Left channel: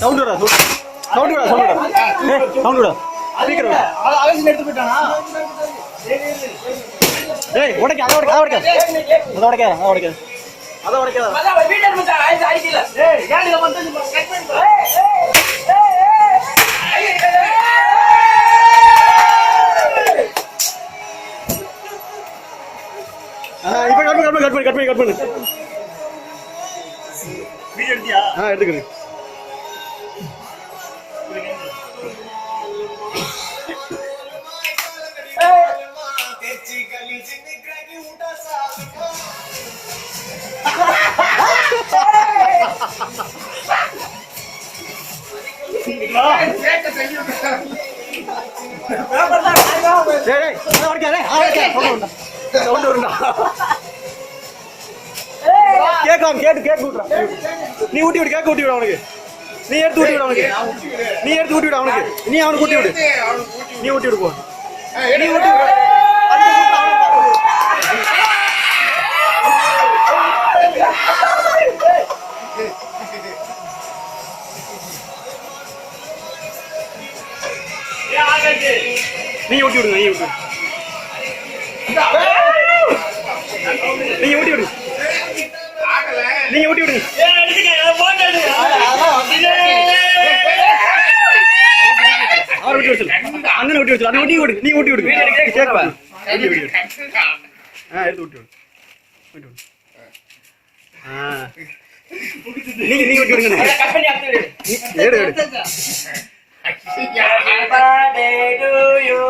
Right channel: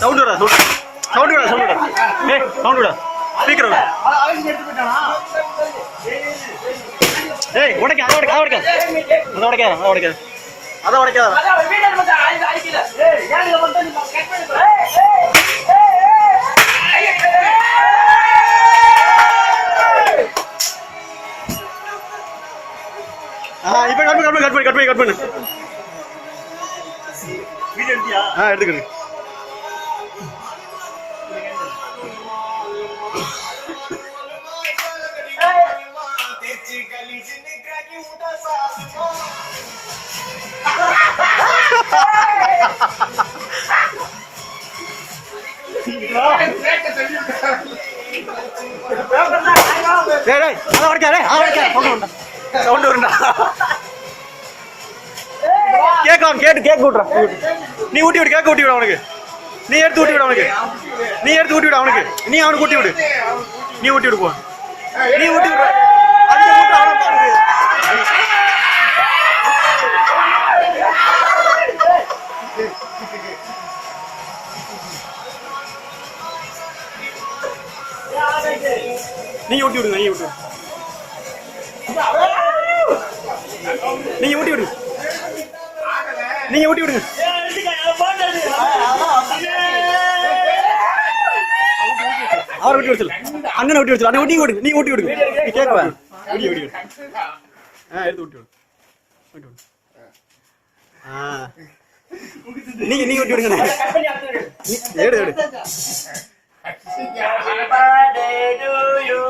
sound விடா sound விடா sound விடா சவுண்ட் விடா ஸ்பீக்கர் விடா ஏய் உடைக்க அதை உடைக்க அதை உடைக்க அதை உடைக்காத அதை உடைக்காத இப்ப கட் பண்ணு எடுத்துக்கிறேன் கேக் விட்றா நீ ஊட்டி விடு கேக் ஊட்டி விட அவனுக்கு நீ எடுத்து ஊட்டி விட அவனுக்கு நீ எடுத்து ஊட்டி விட அவனுக்கு நீ அவனுக்கு ஊட்டி விடு நீ ஊட்டி விடு போ நீ ஊட்டி விடு நீ ஊட்டி விடுங்க நீ ஊட்டி விடு நீங்க ஊட்டி விடுங்க அவர் ஊட்டி விடு அண்ணன் ஊட்டி விடு அண்ணன் ஊட்டி விடு நீ ஊட்டி விடுங்க கேட்கவா ஊட்டி விடு எடுத்து ஊட்டி விடு நீங்க ஊட்டி விடுங்க எடு